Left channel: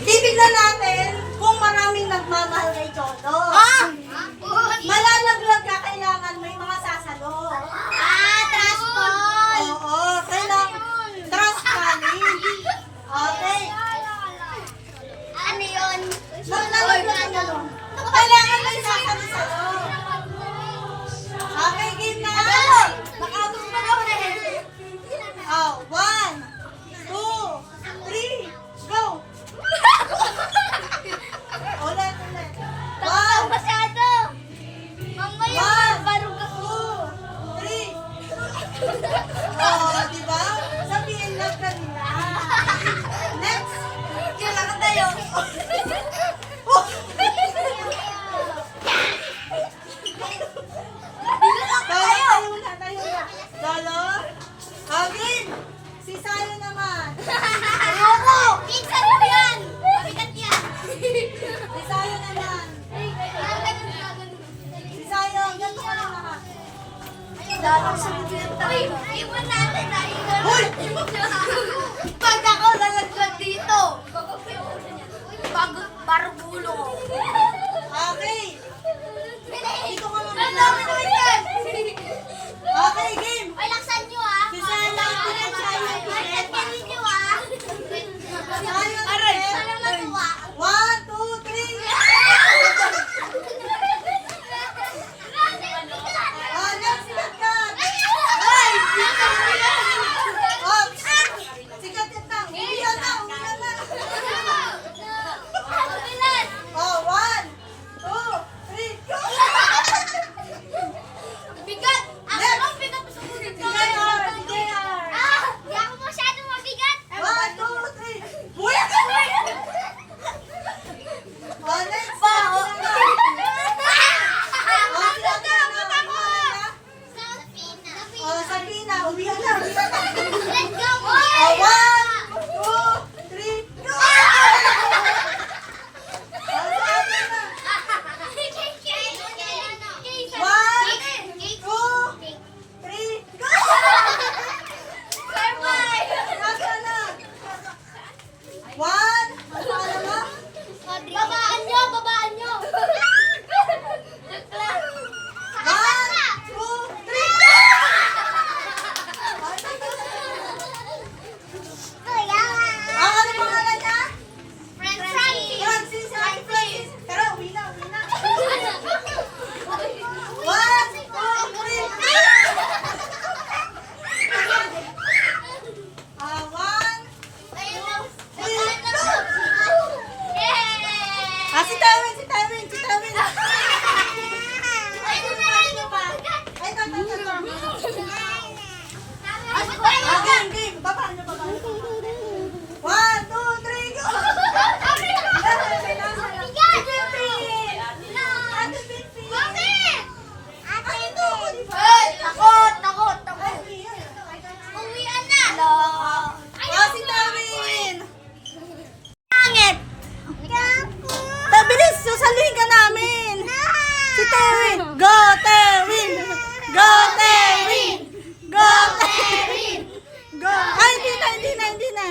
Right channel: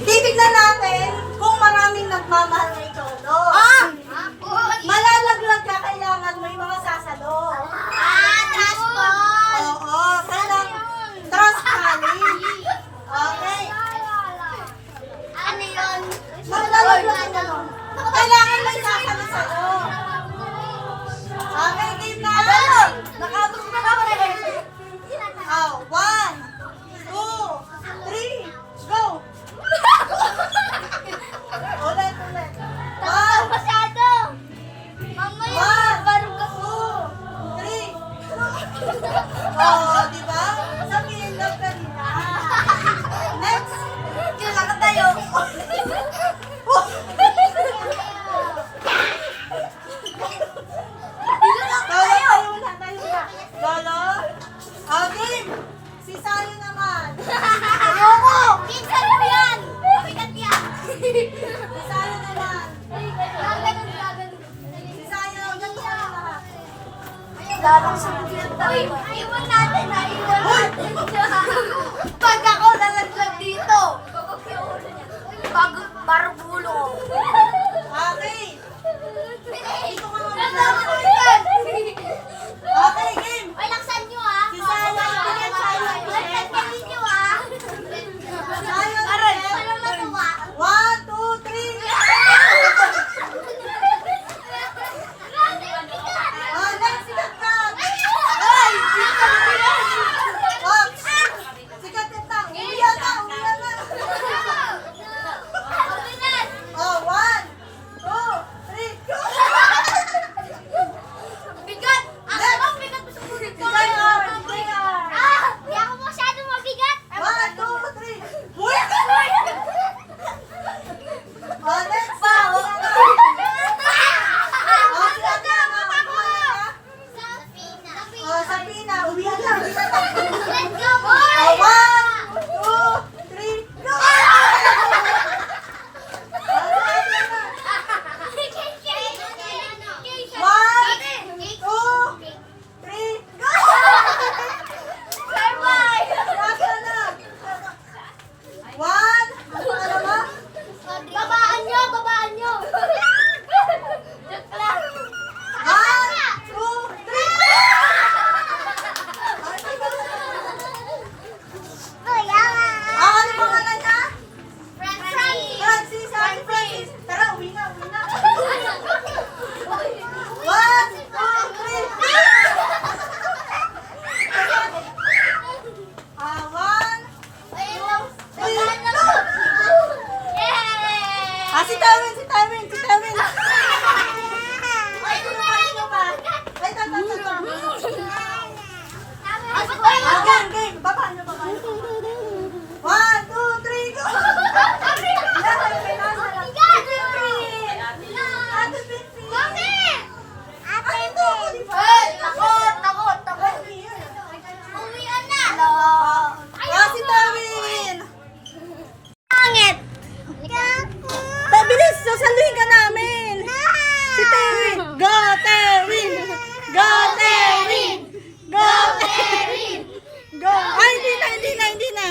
Titignan natin kung maraming nagmamahal kay Cholo. Malalaglag ka, kailangan may mga sasalo. Transport! Oo, kailangan trust challenge. Okay. Ano yun? Malalaglag ka nun. Kailangan may sasalo sa'yo. Okay, game na. Nakabot ka na ulit. Oh, 1, 2, 3, go! Ulit. Takot masyado. Mamaya, One, barong ka. 2, 3. Oh, di ba? Sabihin lang kanina. Next. Kailangan tayo. Tayo na. Lolo? Okay. Si Sayo naman. Ayoko! Pinsan mo yan! Mabigat yan! Si Sayo naman. Si Sayo. Ganito ka naman. Dalang sunod yan tayo. Iwan natin na iwan Hoy! natin. Pag ako nalaglag dito, barong ulo ko. Okay. Dito ka naman. Nalaman ko yan! Okay, game. Ay, laksan nyo ah! Si Sayo, pilit, Sayo, pilit. Laksan nyo ah! Sayo, Aray, pilit. para matuwa. 1, 2, 3. Oh, next, sikat ka. Ay, sikat ka yan. Oh, sikat ka. Umiyan na. Oh, 1, 2, 3, go. Bigat! Ako ang bigat mo sa ulit. Si JR, si JR. Hindi ako masyado mabigat. 1, 2, 3. Buya ka. Oh, next. Pa, Oh, oh. sikat ka na. Oh, Sabina. Umiyan na. Let's go, Oh, boy! 1, 2, 3, go. Babaan nyo! Babaan nyo! Si Tawin! Ay, game! Baba. 1, 2, 3, go! Uwian na! Si Tawin! Pangit! Bilis! Sasaluhin ka namin! Si Tawin! Go, Tawin! Go, Tawin! Go! Go! Ay, hindi na!